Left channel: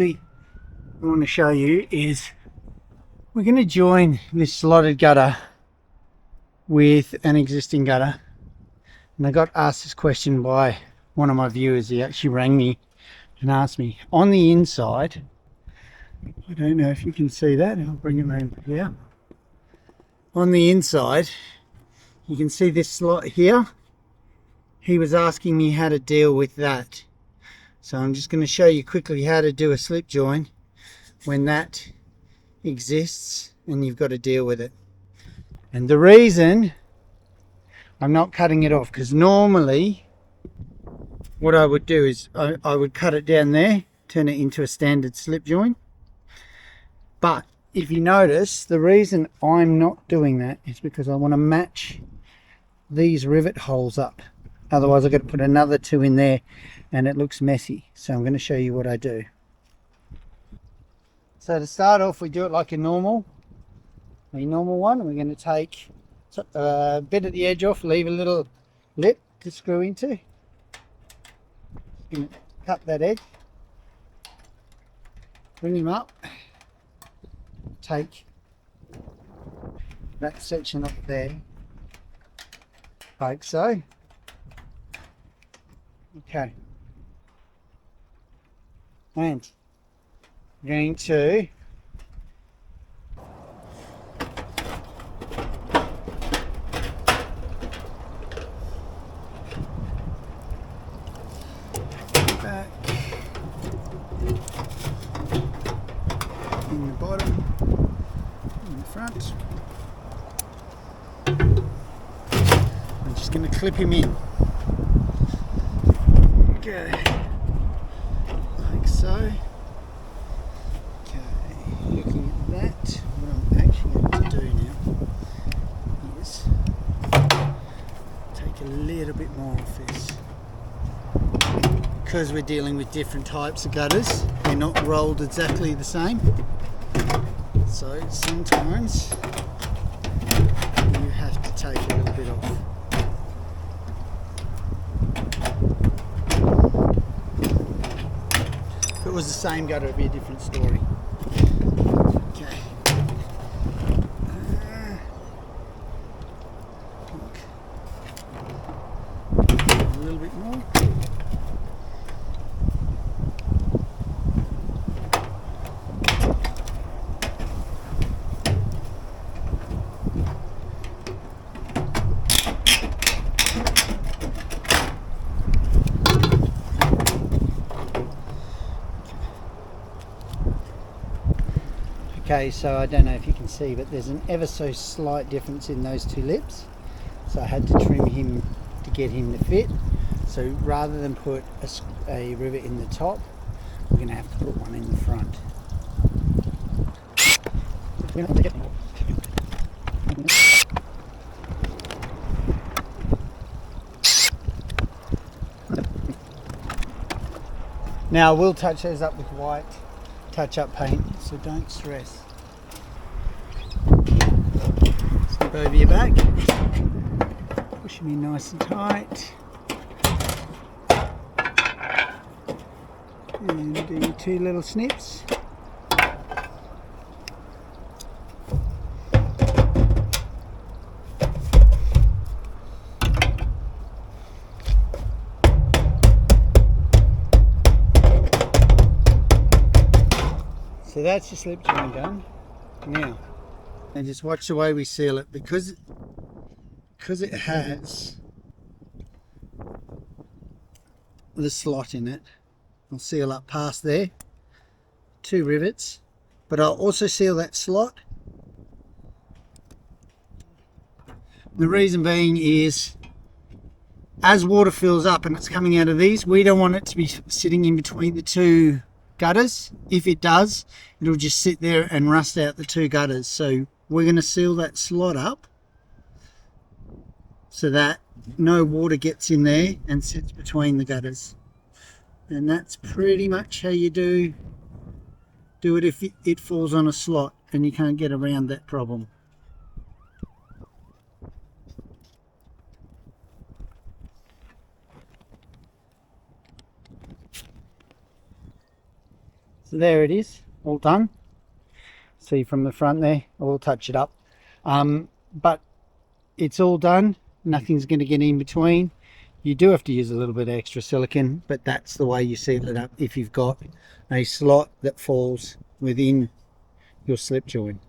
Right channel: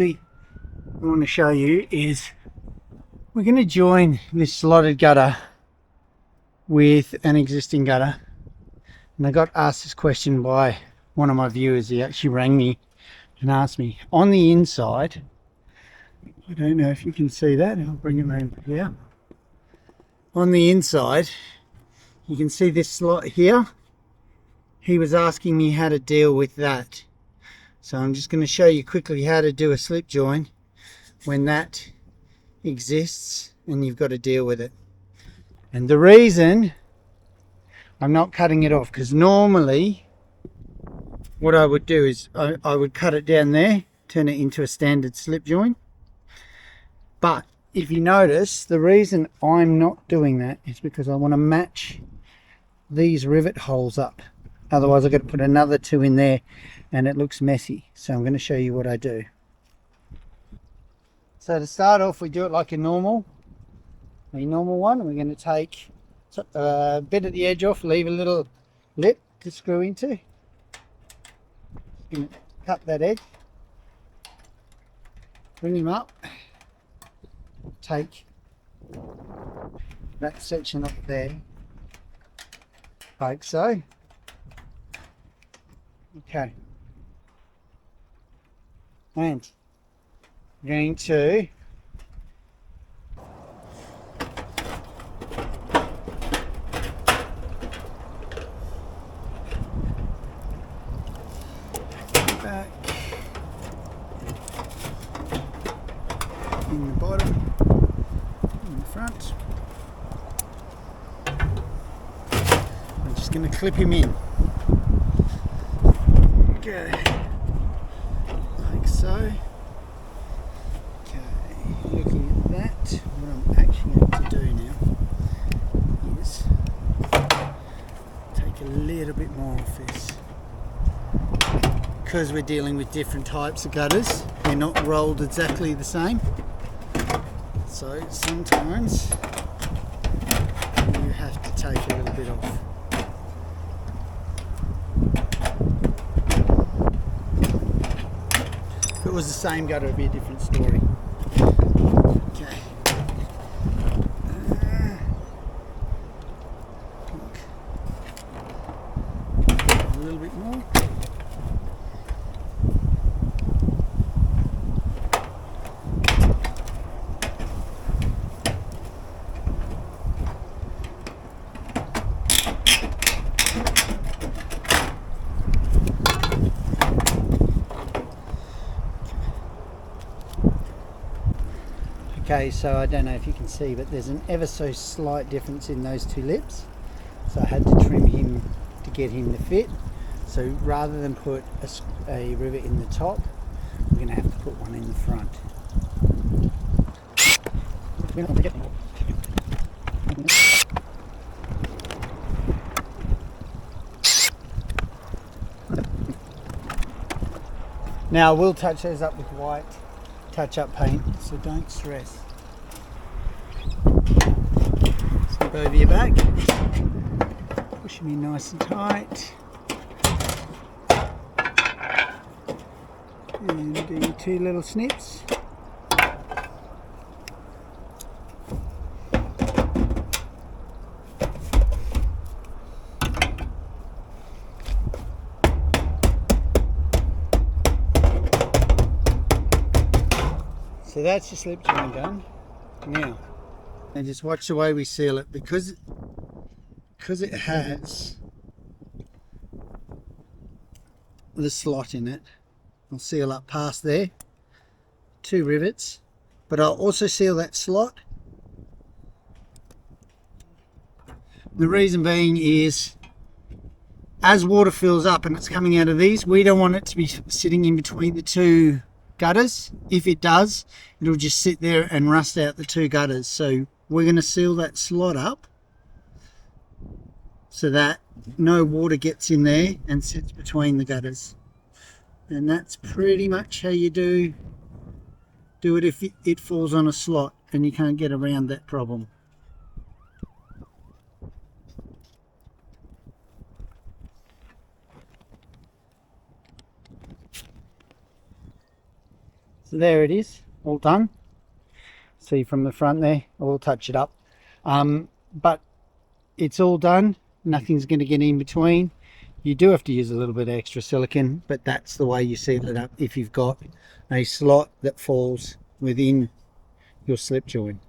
I want to show you is we're going to join this slotted gutter with an existing gutter, and I got asked this question by one of my viewers. He actually rang me and asked me on the inside. I don't know if you can see that. I'll bring it around here. On the inside you can see this slot here. He was asking me how to deal with that, so I'm just going to show you quickly how to do a slip join when that exists and you've got to deal with it. And the reason I'm not cutting it off, because normally what I would do is I would cut it down there, turn it into a standard slip joint. But if you notice, the reason I'm not doing that is because I want to match these rivet holes up. Otherwise I've got to put another two in there and it looks messy. So I'm going to show you what I do. So to start off, we do it like a normal one. We're going to take a bit at the edge off, leave a little lip to screw into. Going to cut that edge, bring him up, take that section up there, like so. Okay, and I'm going to back in the bottom, in the front. I'm just going to clip him in. Okay, like so. Okay, looking at that, what I'm actually going to do now is take a little bit more off this. Because we're dealing with different types of gutters, they're not rolled exactly the same. So sometimes you have to take a little bit off. If it was the same gutter, it'd be a different story. Okay. A little bit more. Okay, so I don't know if you can see, but there's an ever so slight difference in those two lips. So I had to trim him to get him to fit. So rather than put a rivet in the top, we're going to have to put one in the front. Now I will touch those up with white touch-up paint, so don't stress. Slip over your back, push him in nice and tight, and do your two little snips. So that's your slip joint done. Now, and just watch the way we seal it, because it has the slot in it. I'll seal up past there, 2 rivets, but I'll also seal that slot. The reason being is, as water fills up and it's coming out of these, we don't want it to be sitting in between the 2 gutters. If it does, it'll just sit there and rust out the 2 gutters. So we're going to seal that slot up so that no water gets in there and sits between the gutters. And that's pretty much how you do it if it falls on a slot and you can't get around that problem. So there it is, all done. See from the front there, I will touch it up. But it's all done, nothing's going to get in between. You do have to use a little bit of extra silicone, but that's the way you seal it up if you've got a slot that falls within your slip joint.